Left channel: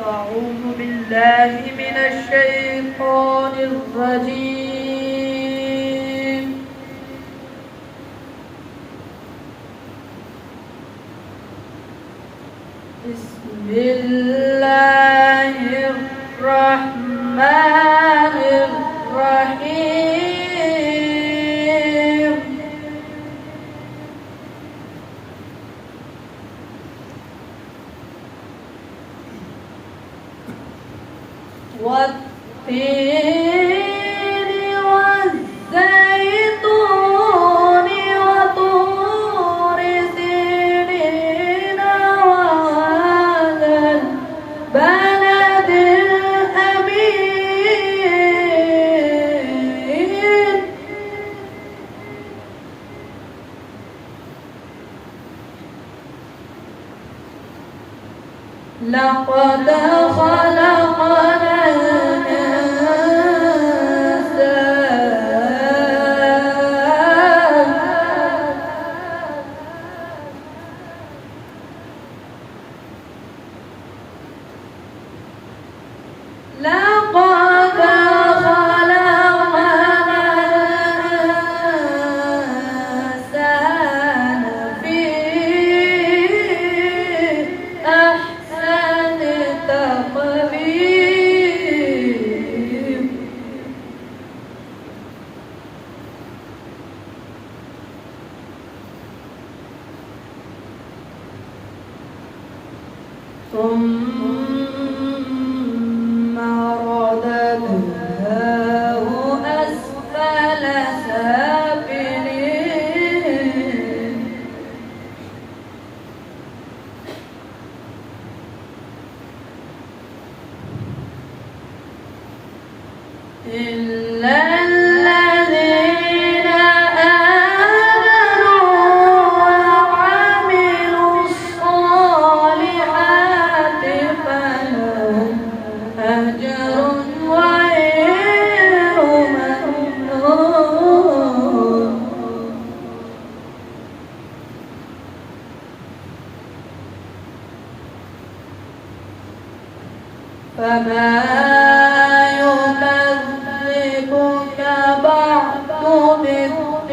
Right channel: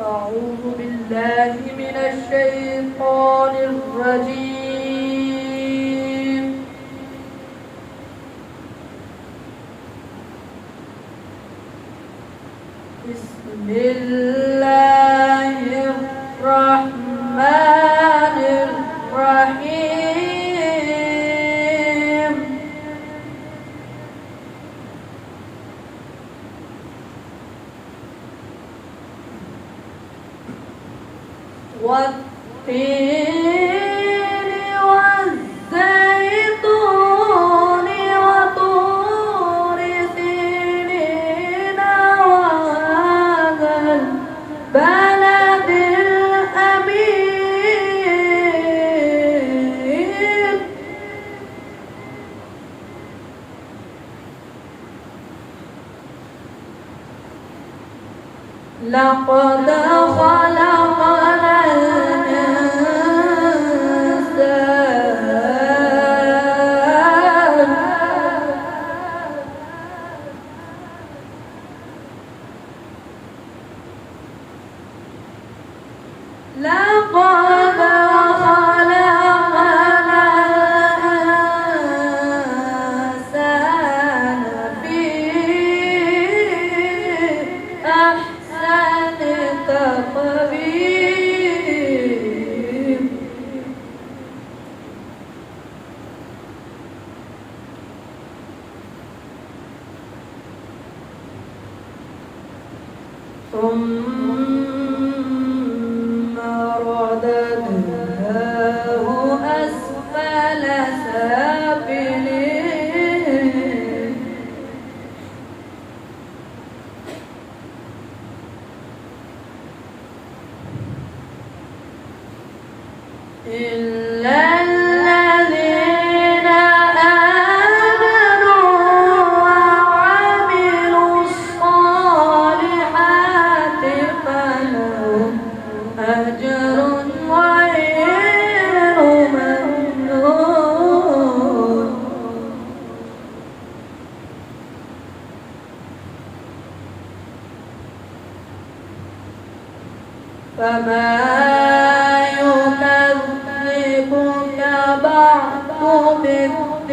أعوذ بالله من الشيطان الرجيم. بسم الله الرحمن الرحيم. والتين والزيتون وطور سينين وهذا البلد الأمين. لقد خلقنا الإنسان في أحسن تقويم. ثم رددناه أسفل سافلين. إلا الذين آمنوا وعملوا الصالحات فلهم أجر غير ممنون. فما يكذبك بعد بالدين.